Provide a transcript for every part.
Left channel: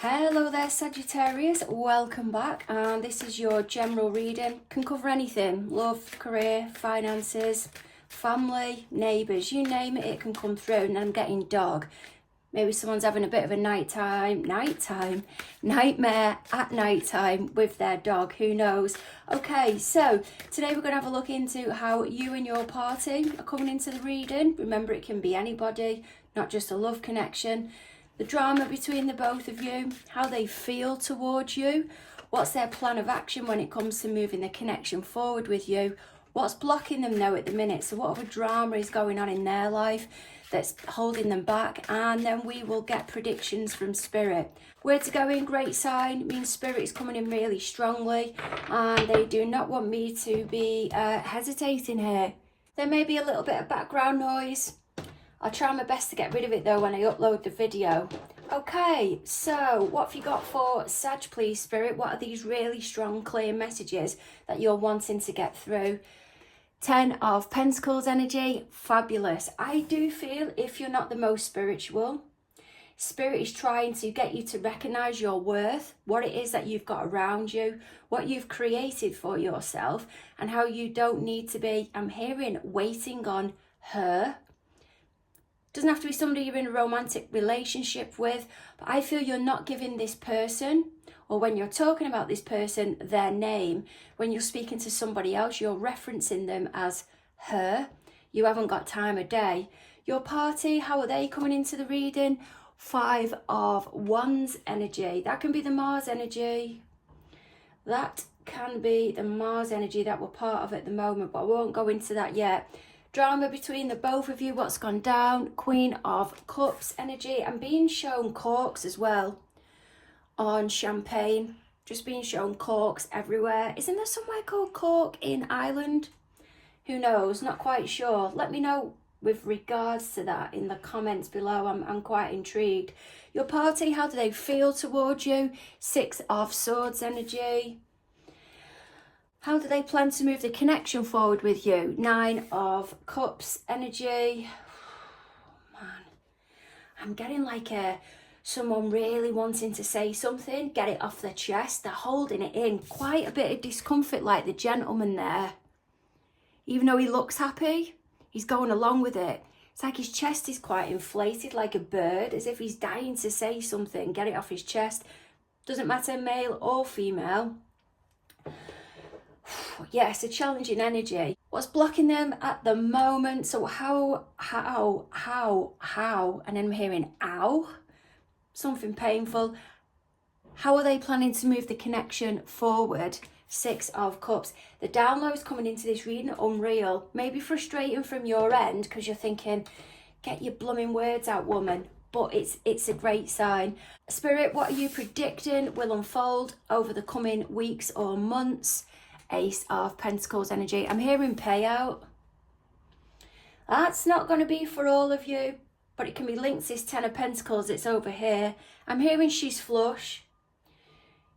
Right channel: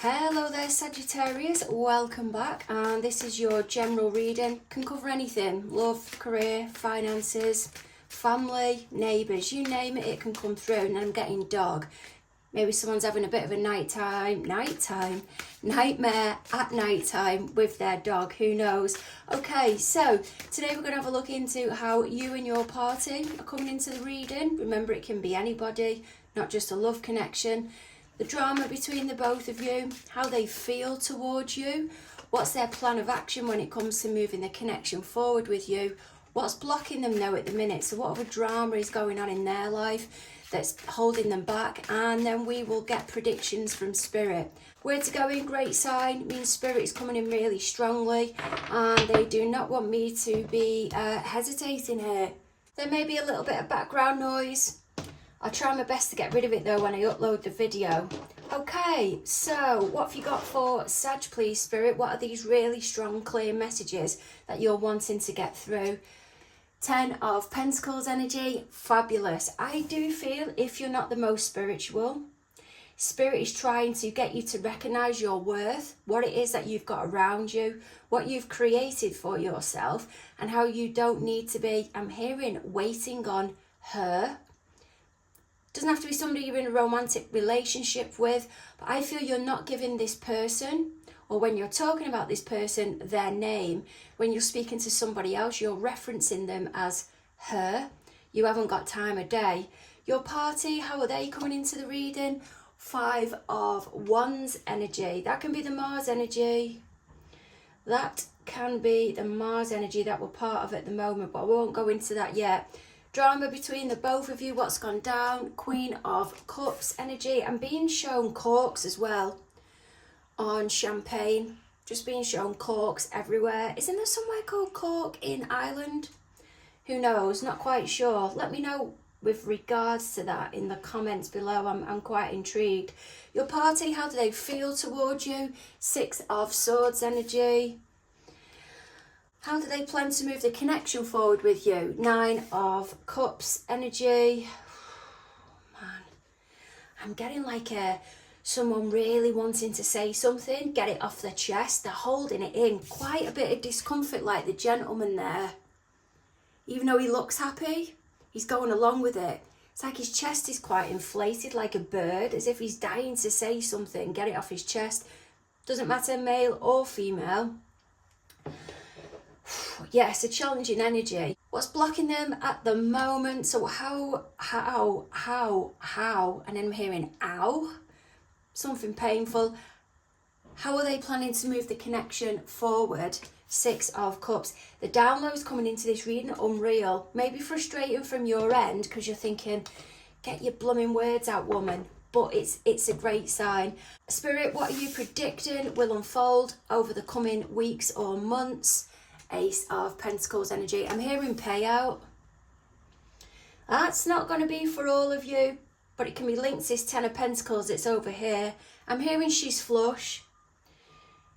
Hello there Sagittarius, welcome back, and this is your general reading. Can cover anything: love, career, finances, family, neighbours, you name it, it can come through. And I'm getting dog. Maybe someone's having a bit of a nightmare at nighttime with their dog, who knows. Okay, so today we're going to have a look into how you and your party are coming into the reading. Remember, it can be anybody, not just a love connection. The drama between the both of you, how they feel towards you, what's their plan of action when it comes to moving the connection forward with you, what's blocking them now at the minute, so what other drama is going on in their life that's holding them back, and then we will get predictions from Spirit. Where to go in, great sign, means Spirit is coming in really strongly, and they do not want me to be hesitating here. There may be a little bit of background noise. I'll try my best to get rid of it though when I upload the video. Okay, so what have you got for Sag, please, Spirit? What are these really strong, clear messages that you're wanting to get through? 10 of Pentacles energy, fabulous. I do feel if you're not the most spiritual, Spirit is trying to get you to recognise your worth, what it is that you've got around you, what you've created for yourself, and how you don't need to be, I'm hearing, waiting on her. Doesn't have to be somebody you're in a romantic relationship with, but I feel you're not giving this person, or when you're talking about this person, their name. When you're speaking to somebody else, you're referencing them as her. You haven't got time of day. Your party, how are they coming into the reading? 5 of Wands energy. That can be the Mars energy. That can be the Mars energy that we're part of at the moment, but I won't go into that yet. Drama between the both of you, what's gone down? Queen of Cups energy. I'm being shown corks as well on champagne. Just being shown corks everywhere. Isn't there somewhere called Cork in Ireland? Who knows? Not quite sure. Let me know with regards to that in the comments below. I'm quite intrigued. Your party, how do they feel towards you? 6 of Swords energy. How do they plan to move the connection forward with you? 9 of Cups energy. Man, I'm getting like someone really wanting to say something, get it off their chest. They're holding it in. Quite a bit of discomfort, like the gentleman there. Even though he looks happy, he's going along with it. It's like his chest is quite inflated, like a bird, as if he's dying to say something, get it off his chest. Doesn't matter, male or female. Yes, a challenging energy. What's blocking them at the moment? So how, and then I'm hearing ow, something painful. How are they planning to move the connection forward? 6 of Cups. The downloads coming into this reading, unreal. Maybe frustrating from your end because you're thinking, get your blooming words out, woman. But it's a great sign. Spirit, what are you predicting will unfold over the coming weeks or months? Ace of Pentacles energy. I'm hearing payout. That's not going to be for all of you, but it can be linked to this 10 of Pentacles. It's over here. I'm hearing she's flush.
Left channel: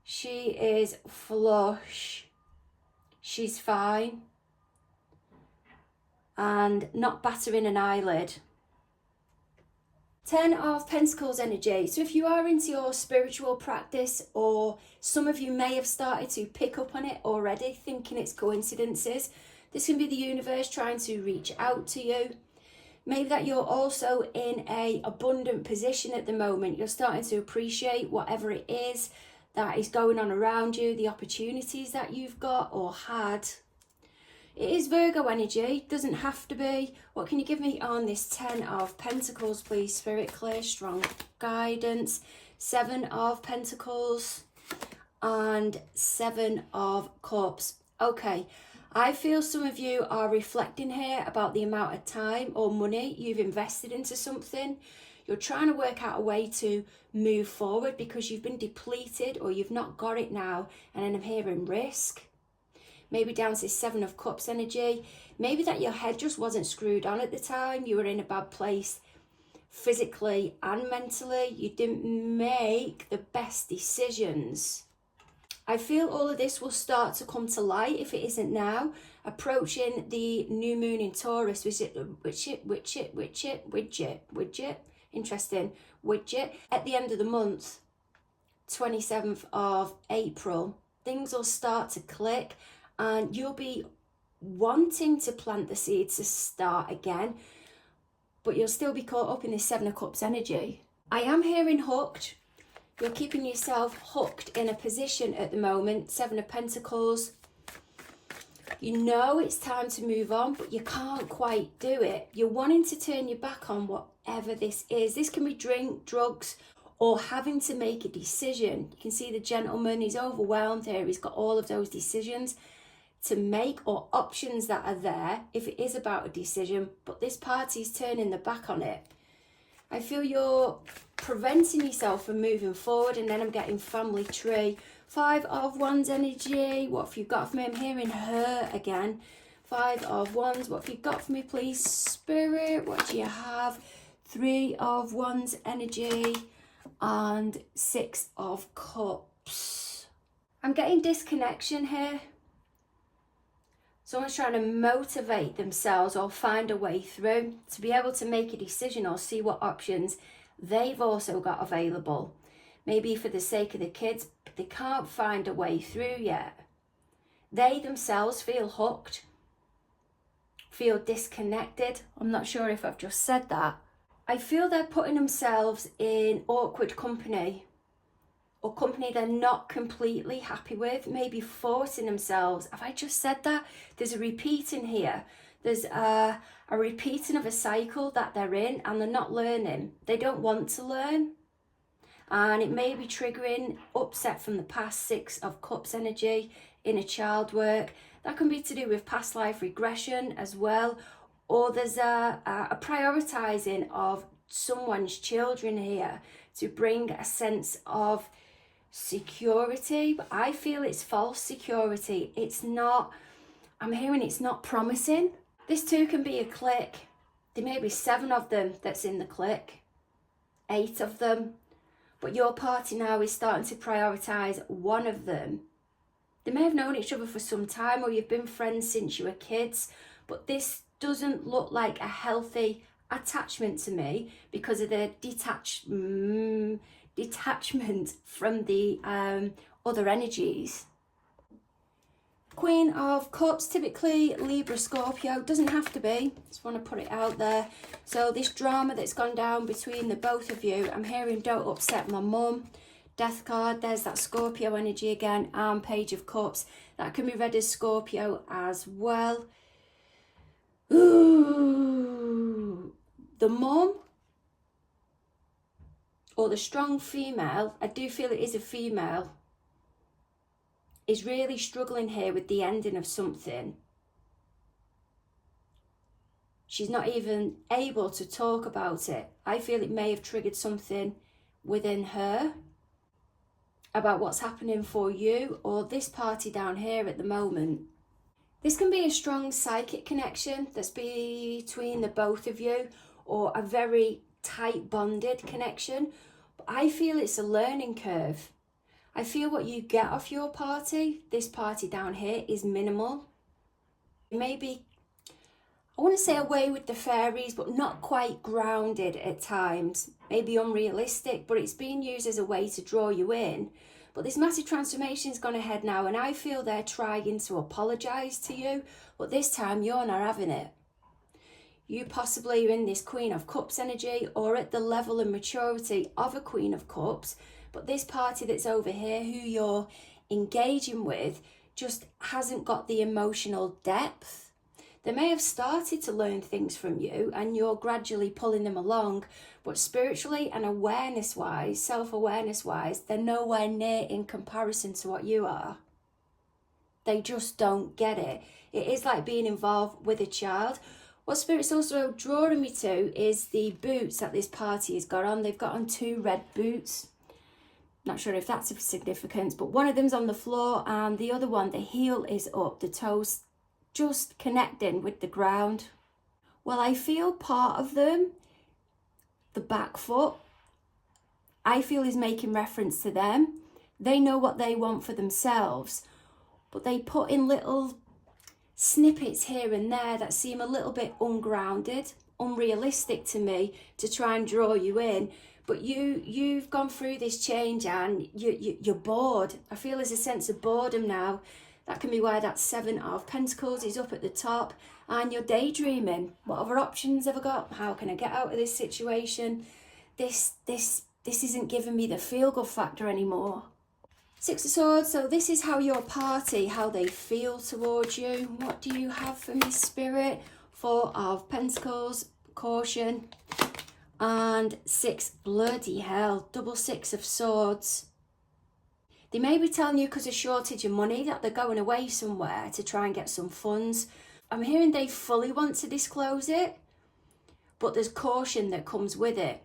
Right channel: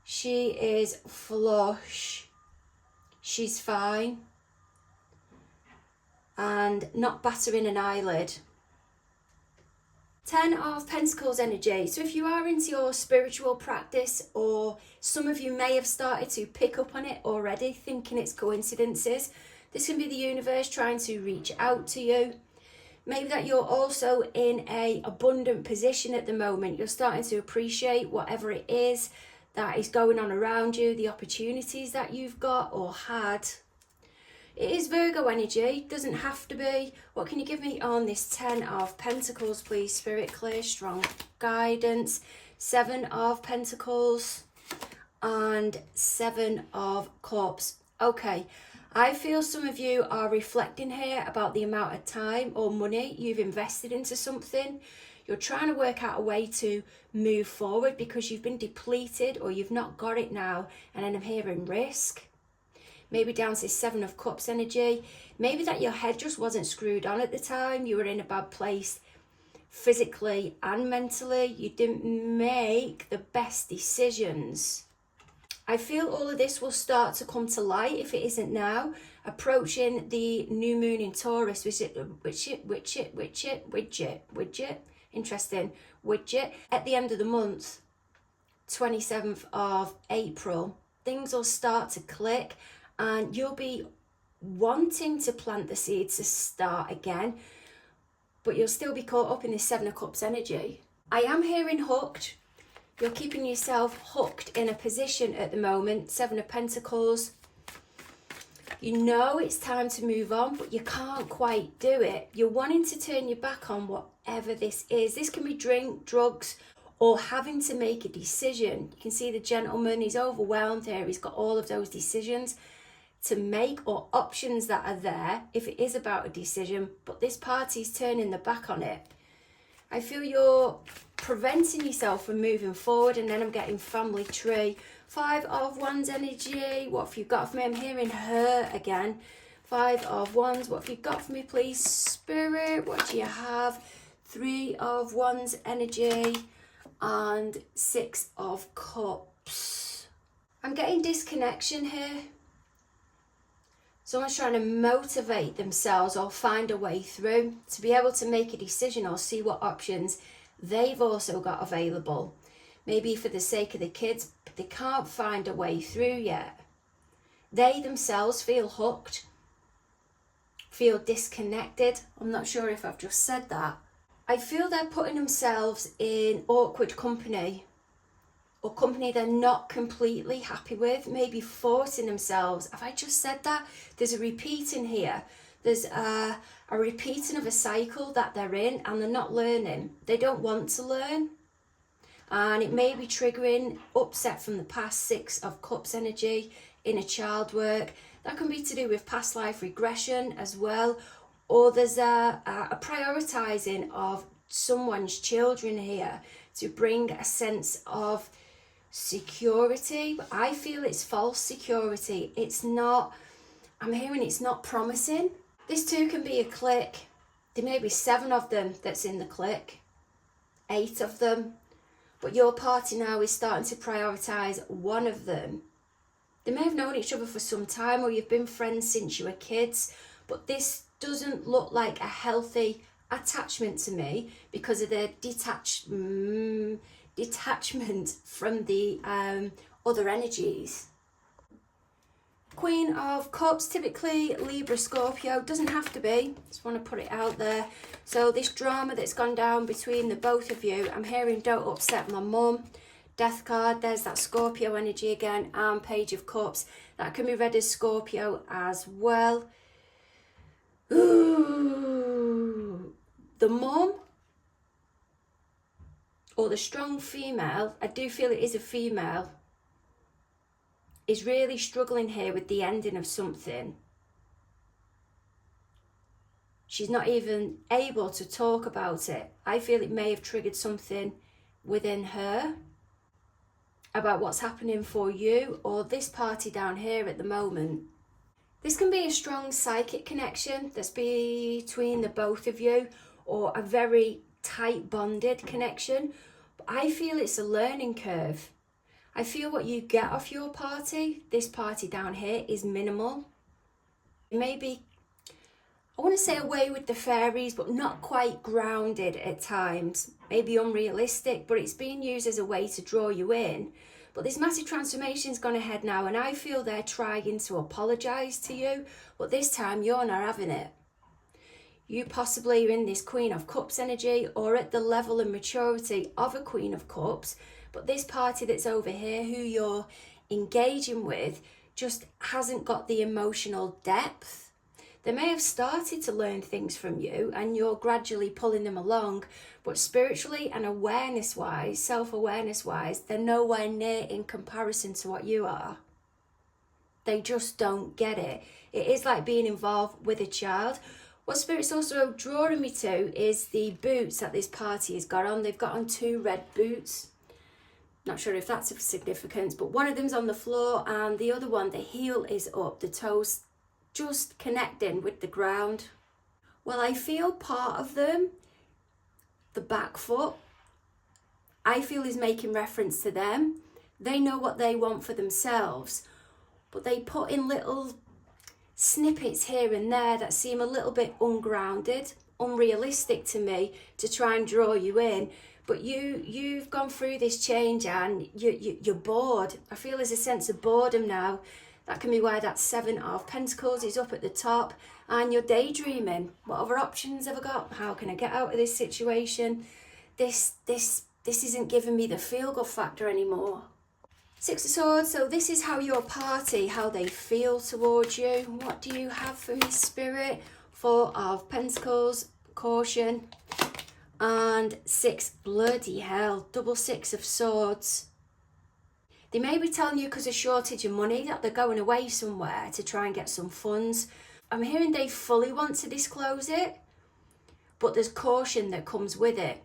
She is flush. She's fine. And not battering an eyelid. 10 of Pentacles energy. So if you are into your spiritual practice, or some of you may have started to pick up on it already, thinking it's coincidences, this can be the universe trying to reach out to you. Maybe that you're also in an abundant position at the moment. You're starting to appreciate whatever it is that is going on around you, the opportunities that you've got or had. It is Virgo energy, doesn't have to be. What can you give me on this 10 of Pentacles, please, Spirit? Clear, strong guidance. 7 of Pentacles and 7 of Cups. Okay, I feel some of you are reflecting here about the amount of time or money you've invested into something. You're trying to work out a way to move forward because you've been depleted or you've not got it now. And then I'm hearing risk. Maybe down to 7 of Cups energy. Maybe that your head just wasn't screwed on at the time. You were in a bad place physically and mentally. You didn't make the best decisions. I feel all of this will start to come to light if it isn't now. Approaching the new moon in Taurus, interesting, widget, at the end of the month. 27th of April, things will start to click and you'll be wanting to plant the seeds to start again, but you'll still be caught up in this Seven of Cups energy. I am hearing hooked. You're keeping yourself hooked in a position at the moment. Seven of Pentacles. You know it's time to move on, but you can't quite do it. You're wanting to turn your back on whatever this is. This can be drink, drugs, or having to make a decision. You can see the gentleman, he's overwhelmed here. He's got all of those decisions to make, or options that are there if it is about a decision, but this party's turning their back on it. I feel you're preventing yourself from moving forward, and then I'm getting family tree. Five of Wands energy. What have you got for me? I'm hearing her again. Five of Wands. What have you got for me, please, Spirit? What do you have? Three of Wands energy and Six of Cups. I'm getting disconnection here. Someone's trying to motivate themselves or find a way through to be able to make a decision or see what options they've also got available. Maybe for the sake of the kids, but they can't find a way through yet. They themselves feel hooked, feel disconnected. I'm not sure if I've just said that. I feel they're putting themselves in awkward company, or company they're not completely happy with, maybe forcing themselves. Have I just said that? There's a repeating here. There's a repeating of a cycle that they're in, and they're not learning. They don't want to learn. And it may be triggering upset from the past. Six of Cups energy, inner child work. That can be to do with past life regression as well. Or there's a prioritizing of someone's children here to bring a sense of security. But I feel it's false security. It's not, I'm hearing it's not promising. This too can be a clique. There may be 7 of them that's in the clique, 8 of them, but your party now is starting to prioritize one of them. They may have known each other for some time, or you've been friends since you were kids, but this doesn't look like a healthy attachment to me because of the detachment from the other energies. Queen of Cups, typically Libra, Scorpio, doesn't have to be, just want to put it out there. So this drama that's gone down between the both of you, I'm hearing don't upset my mum. Death card, there's that Scorpio energy again, and Page of Cups. That can be read as Scorpio as well. Ooh, the mum or the strong female, I do feel it is a female, is really struggling here with the ending of something. She's not even able to talk about it. I feel it may have triggered something within her about what's happening for you or this party down here at the moment. This can be a strong psychic connection that's between the both of you, or a very tight bonded connection. But I feel it's a learning curve. I feel what you get off your party, this party down here, is minimal. Maybe, I want to say away with the fairies, but not quite grounded at times. Maybe unrealistic, but it's being used as a way to draw you in. But this massive transformation's gone ahead now, and I feel they're trying to apologise to you, but this time you're not having it. You possibly are in this Queen of Cups energy, or at the level and maturity of a Queen of Cups, but this party that's over here, who you're engaging with, just hasn't got the emotional depth. They may have started to learn things from you and you're gradually pulling them along, but spiritually and awareness-wise, self-awareness-wise, they're nowhere near in comparison to what you are. They just don't get it. It is like being involved with a child. What Spirit's also drawing me to is the boots that this party has got on. They've got on 2 red boots. Not sure if that's of significance, but one of them's on the floor and the other one, the heel is up, the toes just connecting with the ground. Well, I feel part of them, the back foot, I feel is making reference to them. They know what they want for themselves, but they put in little snippets here and there that seem a little bit ungrounded, unrealistic to me, to try and draw you in. But you've gone through this change and you're bored. I feel there's a sense of boredom now. That can be why that 7 of Pentacles is up at the top, and you're daydreaming. What other options have I got? How can I get out of this situation? This isn't giving me the feel-good factor anymore. 6 of Swords, so this is how your party, how they feel towards you. What do you have for me, Spirit? 4 of Pentacles, caution. And 6, bloody hell, double 6 of Swords. They may be telling you because of shortage of money that they're going away somewhere to try and get some funds. I'm hearing they fully want to disclose it, but there's caution that comes with it.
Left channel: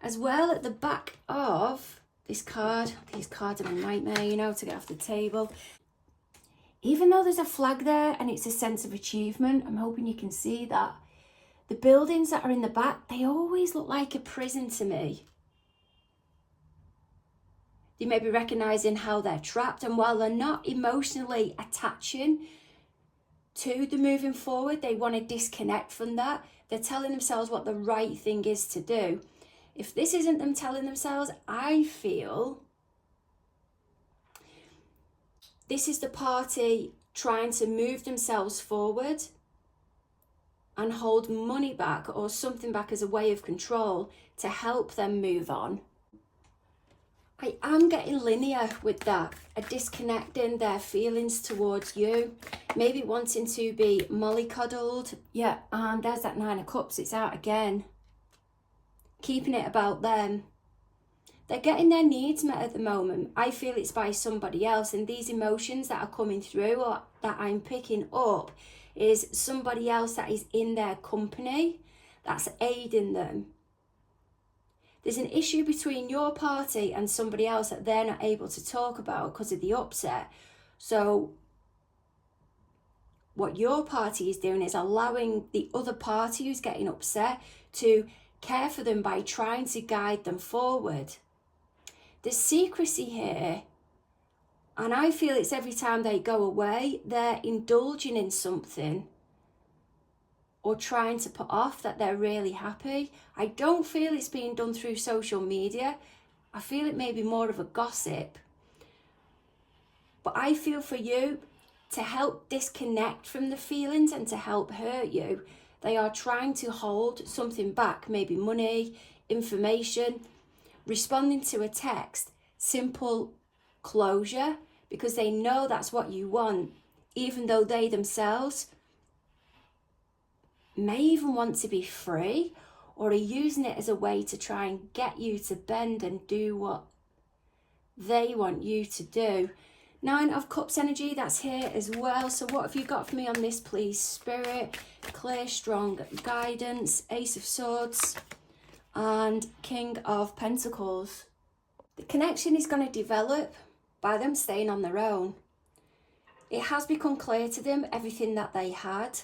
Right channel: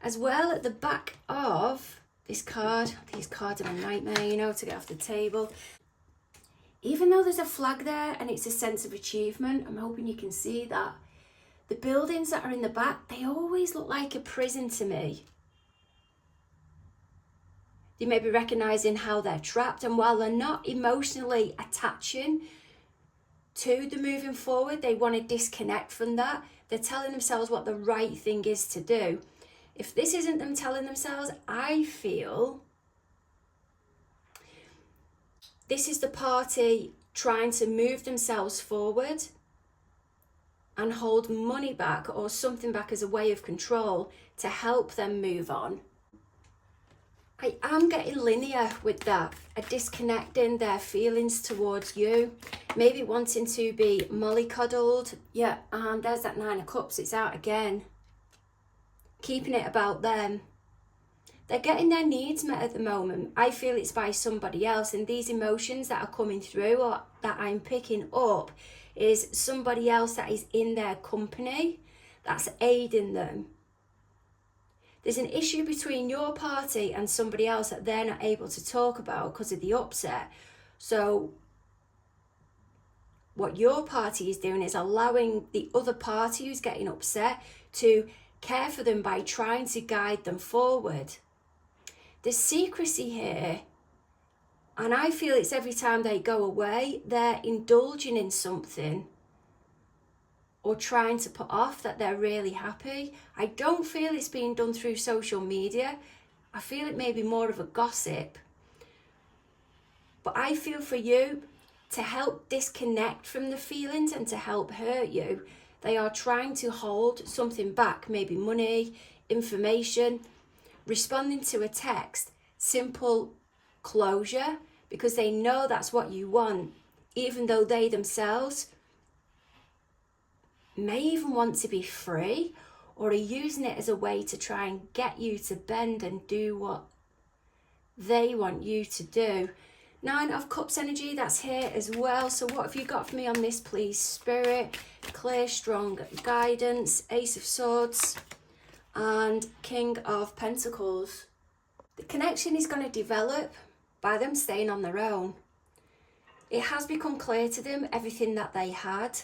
As well, at the back of this card, these cards are a nightmare, you know, to get off the table. Even though there's a flag there and it's a sense of achievement, I'm hoping you can see that. The buildings that are in the back, they always look like a prison to me. They may be recognising how they're trapped, and while they're not emotionally attaching to the moving forward, they want to disconnect from that. They're telling themselves what the right thing is to do. If this isn't them telling themselves, I feel this is the party trying to move themselves forward and hold money back or something back as a way of control to help them move on. I am getting linear with that, a disconnecting their feelings towards you, maybe wanting to be mollycoddled. Yeah, there's that 9 of Cups, it's out again. Keeping it about them. They're getting their needs met at the moment. I feel it's by somebody else, and these emotions that are coming through or that I'm picking up is somebody else that is in their company that's aiding them. There's an issue between your party and somebody else that they're not able to talk about because of the upset. So what your party is doing is allowing the other party who's getting upset to care for them by trying to guide them forward. There's secrecy here, and I feel it's every time they go away, they're indulging in something or trying to put off that they're really happy. I don't feel it's being done through social media. I feel it may be more of a gossip. But I feel for you, to help disconnect from the feelings and to help hurt you, they are trying to hold something back, maybe money, information, responding to a text, simple closure, because they know that's what you want, even though they themselves may even want to be free or are using it as a way to try and get you to bend and do what they want you to do. 9 of Cups energy, that's here as well. So what have you got for me on this, please, Spirit? Clear, strong guidance, Ace of Swords and King of Pentacles. The connection is going to develop by them staying on their own. It has become clear to them everything that they had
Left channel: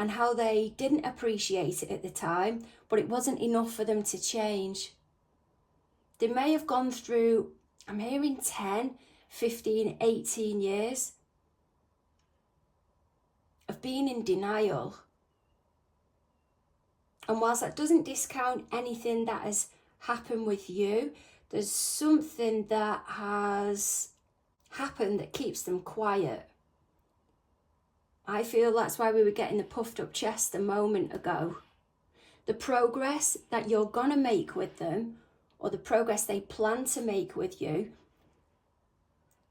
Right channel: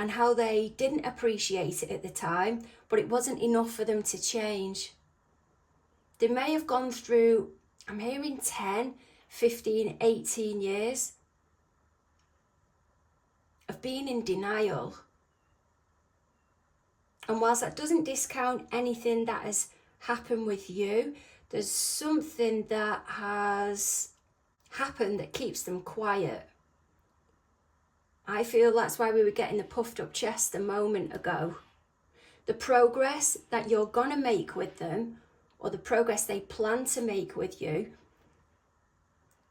and how they didn't appreciate it at the time, but it wasn't enough for them to change. They may have gone through, I'm hearing 10, 15, 18 years of being in denial. And whilst that doesn't discount anything that has happened with you, there's something that has happened that keeps them quiet. I feel that's why we were getting the puffed up chest a moment ago. The progress that you're going to make with them, or the progress they plan to make with you,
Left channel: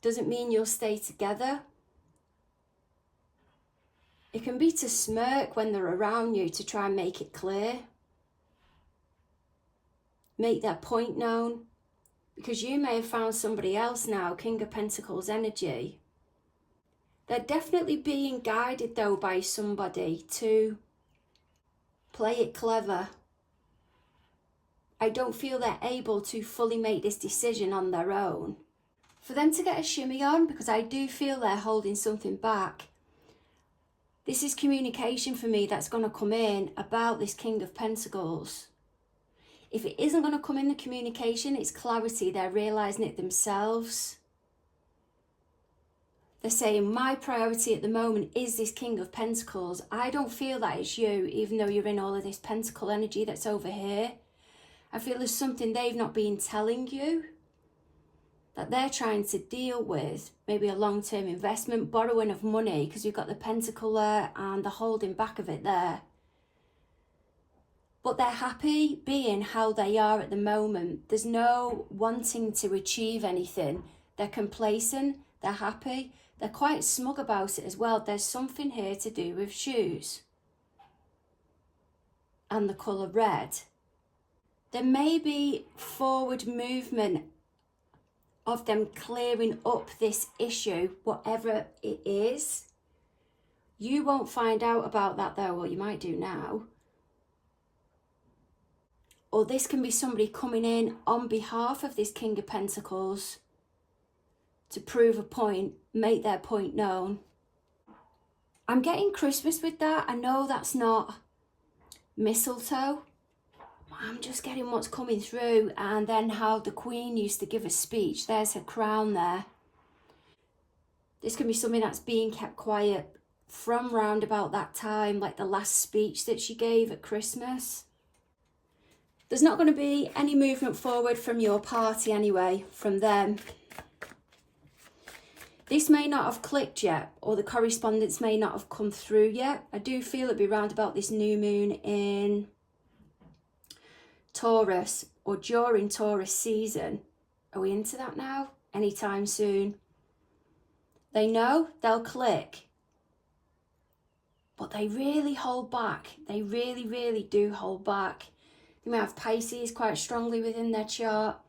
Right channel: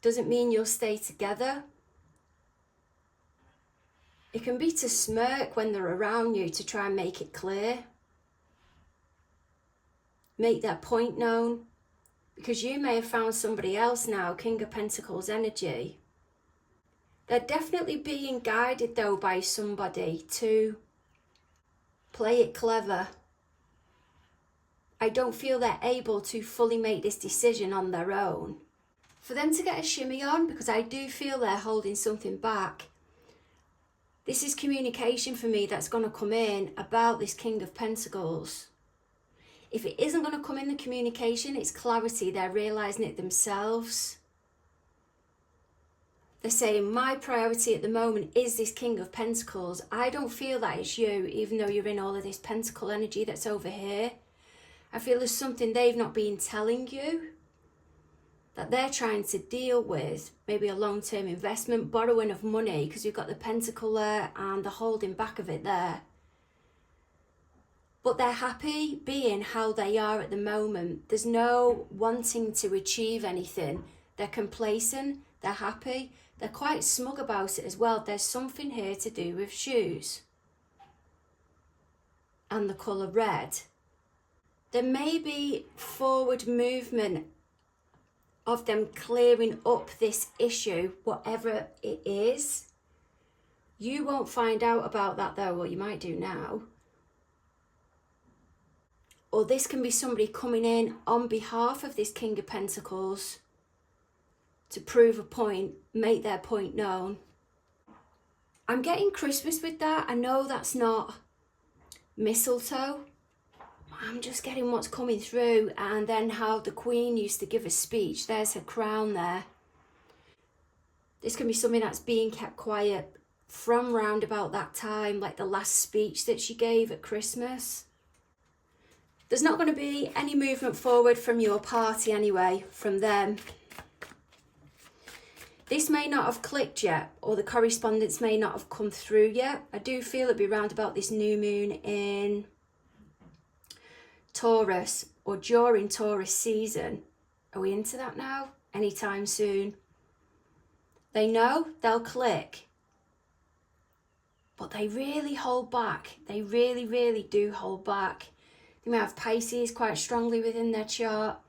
doesn't mean you'll stay together. It can be to smirk when they're around you to try and make it clear. Make their point known. Because you may have found somebody else now, King of Pentacles energy. They're definitely being guided though by somebody to play it clever. I don't feel they're able to fully make this decision on their own. For them to get a shimmy on, because I do feel they're holding something back. This is communication for me that's going to come in about this King of Pentacles. If it isn't going to come in the communication, it's clarity. They're realising it themselves. They're saying my priority at the moment is this King of Pentacles. I don't feel that it's you, even though you're in all of this Pentacle energy that's over here. I feel there's something they've not been telling you that they're trying to deal with. Maybe a long-term investment, borrowing of money, because you've got the Pentacle there and the holding back of it there. But they're happy being how they are at the moment. There's no wanting to achieve anything. They're complacent, they're happy. They're quite smug about it as well. There's something here to do with shoes and the colour red. There may be forward movement of them clearing up this issue, whatever it is. You won't find out about that though, or you might do now. Or this can be somebody coming in on behalf of this King of Pentacles to prove a point, make their point known. I'm getting Christmas with that. I know that's not mistletoe. I'm just getting what's coming through, and then how the Queen used to give a speech. There's her crown there. This can be something that's being kept quiet from round about that time, like the last speech that she gave at Christmas. There's not going to be any movement forward from your party anyway, from them. This may not have clicked yet, or the correspondence may not have come through yet. I do feel it'll be round about this new moon in Taurus, or during Taurus season. Are we into that now? Anytime soon. They know they'll click, but they really hold back. They really, really do hold back. They may have Pisces quite strongly within their chart.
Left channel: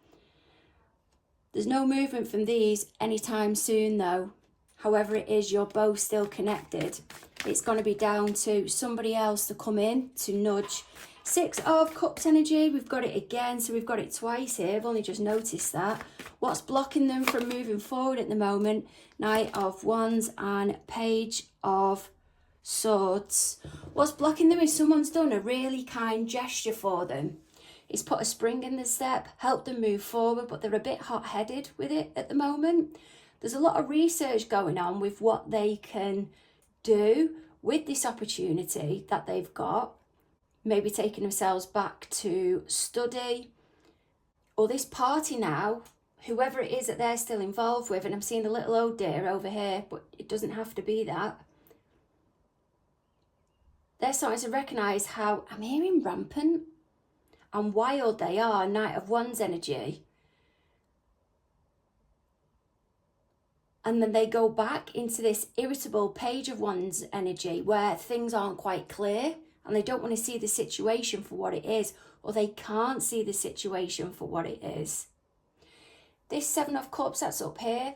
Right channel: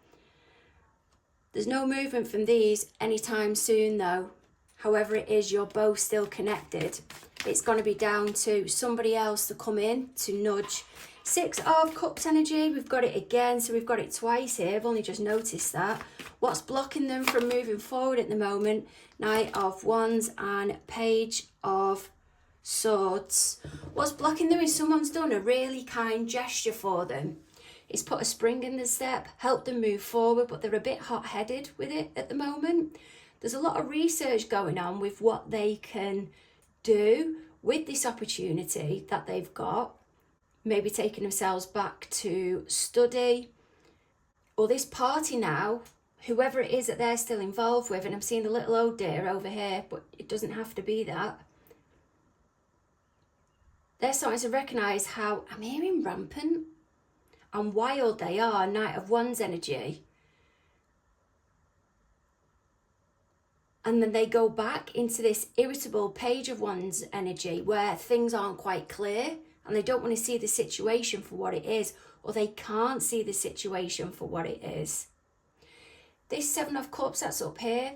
There's no movement from these anytime soon though. However it is, you're both still connected. It's going to be down to somebody else to come in to nudge. 6 of Cups energy, we've got it again, so we've got it twice here. I've only just noticed that. What's blocking them from moving forward at the moment? Knight of Wands and Page of Swords. What's blocking them is someone's done a really kind gesture for them. It's put a spring in the step, helped them move forward, but they're a bit hot-headed with it at the moment. There's a lot of research going on with what they can do with this opportunity that they've got. Maybe taking themselves back to study, or this party now, whoever it is that they're still involved with. And I'm seeing a little oh dear over here, but it doesn't have to be that. They're starting to recognise how I'm hearing rampant and wild they are. Knight of Wands energy. And then they go back into this irritable Page of Wands energy where things aren't quite clear and they don't want to see the situation for what it is, or they can't see the situation for what it is. This 7 of Cups that's up here,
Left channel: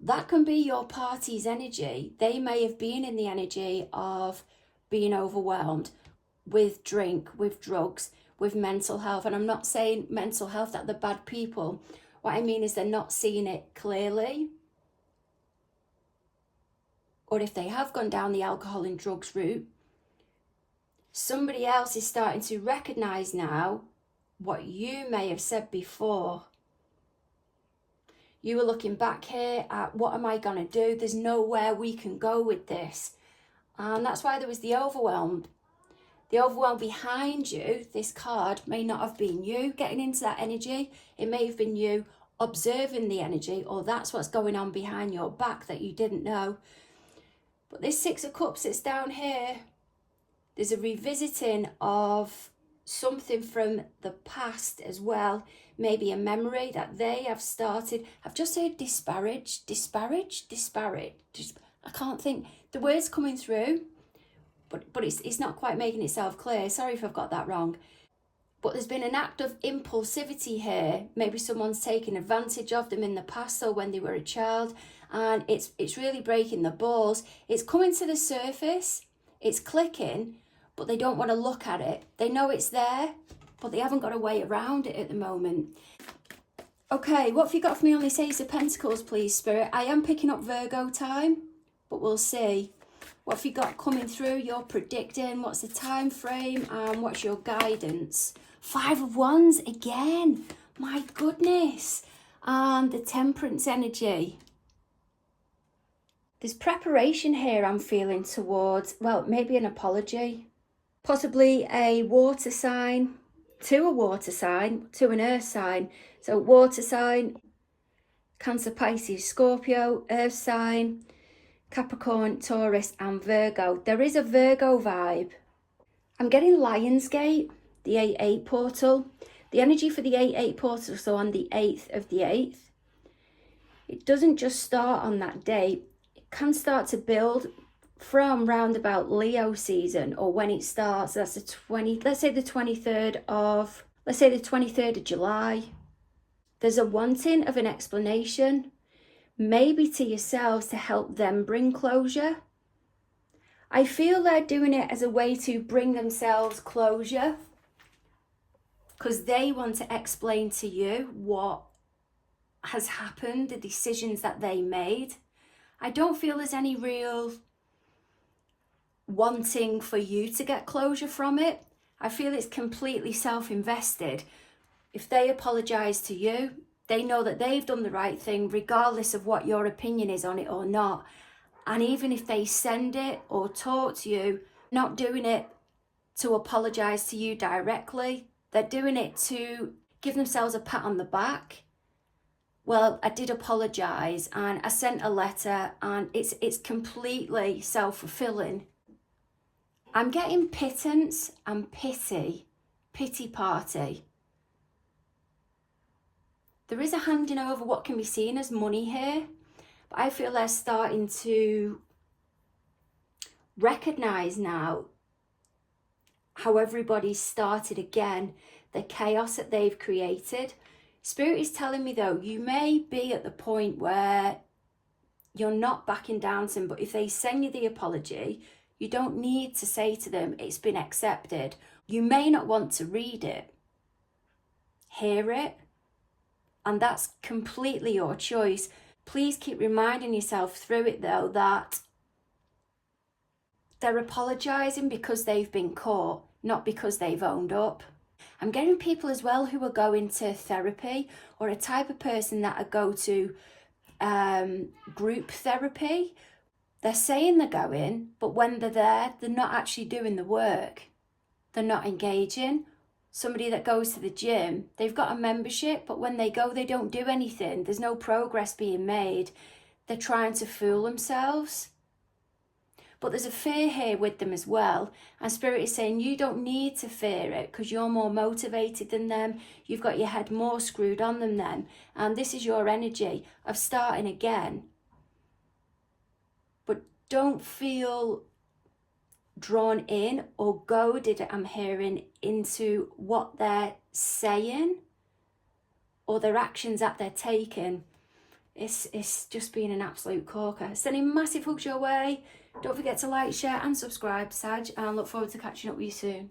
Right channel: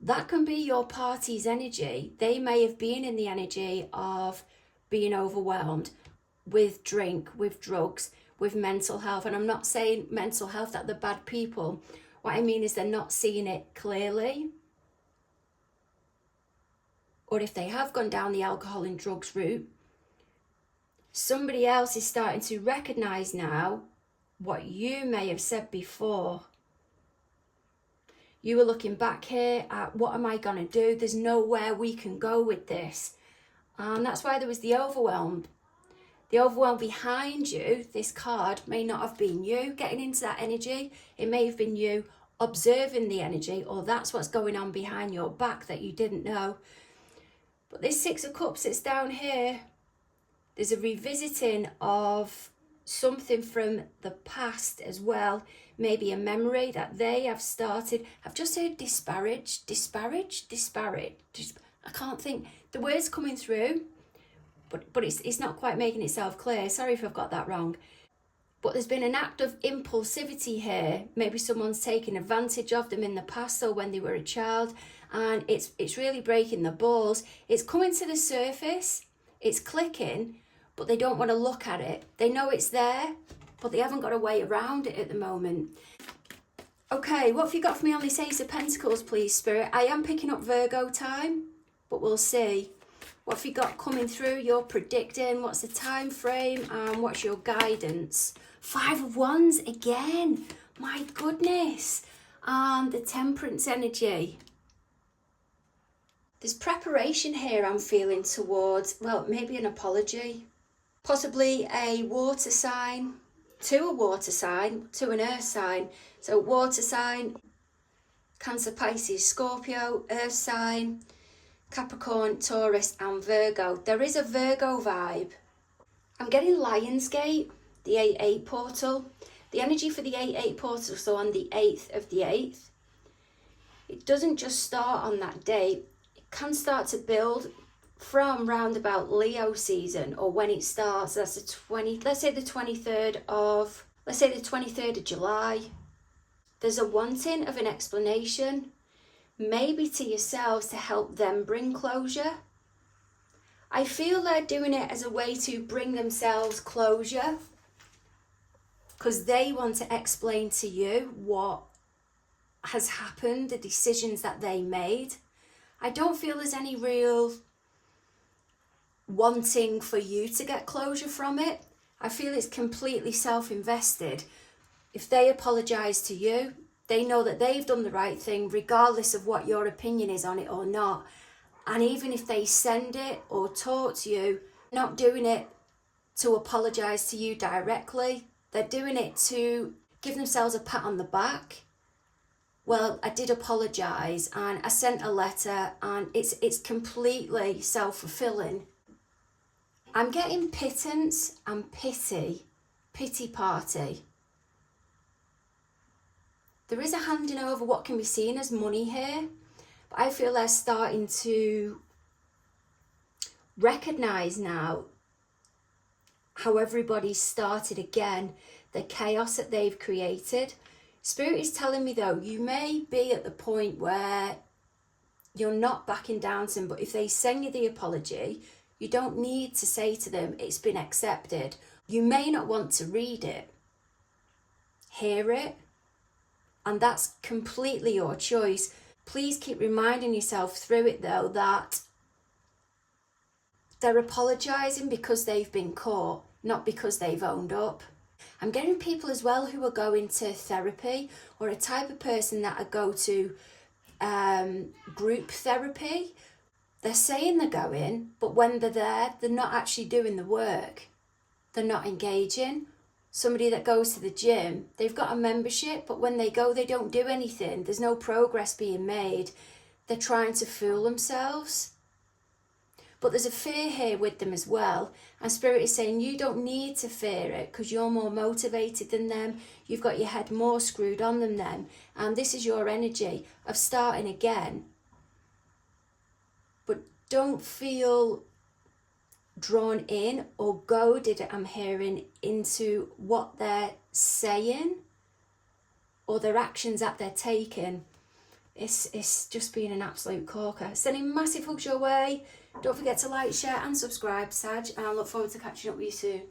that can be your party's energy. They may have been in the energy of being overwhelmed with drink, with drugs, with mental health. And I'm not saying mental health that they're bad people. What I mean is they're not seeing it clearly. Or if they have gone down the alcohol and drugs route, somebody else is starting to recognise now what you may have said before. You were looking back here at what am I going to do? There's nowhere we can go with this. And that's why there was the overwhelm. The overwhelm behind you, this card, may not have been you getting into that energy. It may have been you observing the energy, or that's what's going on behind your back that you didn't know. But this 6 of Cups that's down here, there's a revisiting of something from the past as well. Maybe a memory that they have started. I've just heard disparage. I can't think. The word's coming through, but it's not quite making itself clear. Sorry if I've got that wrong. But there's been an act of impulsivity here. Maybe someone's taken advantage of them in the past or when they were a child, and it's really breaking the balls. It's coming to the surface. It's clicking, but they don't want to look at it. They know it's there, but they haven't got a way around it at the moment. Okay, what have you got for me on this Ace of Pentacles, please, Spirit? I am picking up Virgo time, but we'll see. What have you got coming through? You're predicting. What's the time frame and what's your guidance? 5 of Wands again. My goodness. And the Temperance energy. There's preparation here I'm feeling towards, well, maybe an apology, possibly a water sign, to an earth sign. So water sign, Cancer, Pisces, Scorpio, earth sign, Capricorn, Taurus and Virgo. There is a Virgo vibe. I'm getting Lionsgate, the 8-8 portal. The energy for the 8-8 portal, so on the 8th of the 8th. It doesn't just start on that date. It can start to build from round about Leo season, or when it starts. That's the 20, let's say the 23rd of July. There's a wanting of an explanation, maybe to yourselves, to help them bring closure. I feel they're doing it as a way to bring themselves closure, because they want to explain to you what has happened, the decisions that they made. I don't feel there's any real wanting for you to get closure from it. I feel it's completely self-invested. If they apologise to you, they know that they've done the right thing, regardless of what your opinion is on it or not. And even if they send it or talk to you, not doing it to apologise to you directly. They're doing it to give themselves a pat on the back. Well, I did apologise and I sent a letter, and it's completely self-fulfilling. I'm getting pittance and pity party. There is a handing over what can be seen as money here, but I feel they're starting to recognise now how everybody's started again, the chaos that they've created. Spirit is telling me though, you may be at the point where you're not backing down to them, but if they send you the apology, you don't need to say to them, it's been accepted. You may not want to read it, hear it, and that's completely your choice. Please keep reminding yourself through it though that they're apologising because they've been caught, not because they've owned up. I'm getting people as well who are going to therapy, or a type of person that go to group therapy. They're saying they're going, but when they're there, they're not actually doing the work. They're not engaging. Somebody that goes to the gym, they've got a membership, but when they go, they don't do anything. There's no progress being made. They're trying to fool themselves. But there's a fear here with them as well. And Spirit is saying you don't need to fear it, because you're more motivated than them. You've got your head more screwed on than them. And this is your energy of starting again. But don't feel drawn in or goaded, I'm hearing, into what they're saying or their actions that they're taking. It's just being an absolute corker. Sending massive hugs your way. Don't forget to like, share and subscribe, Sag, and I look forward to catching up with you soon.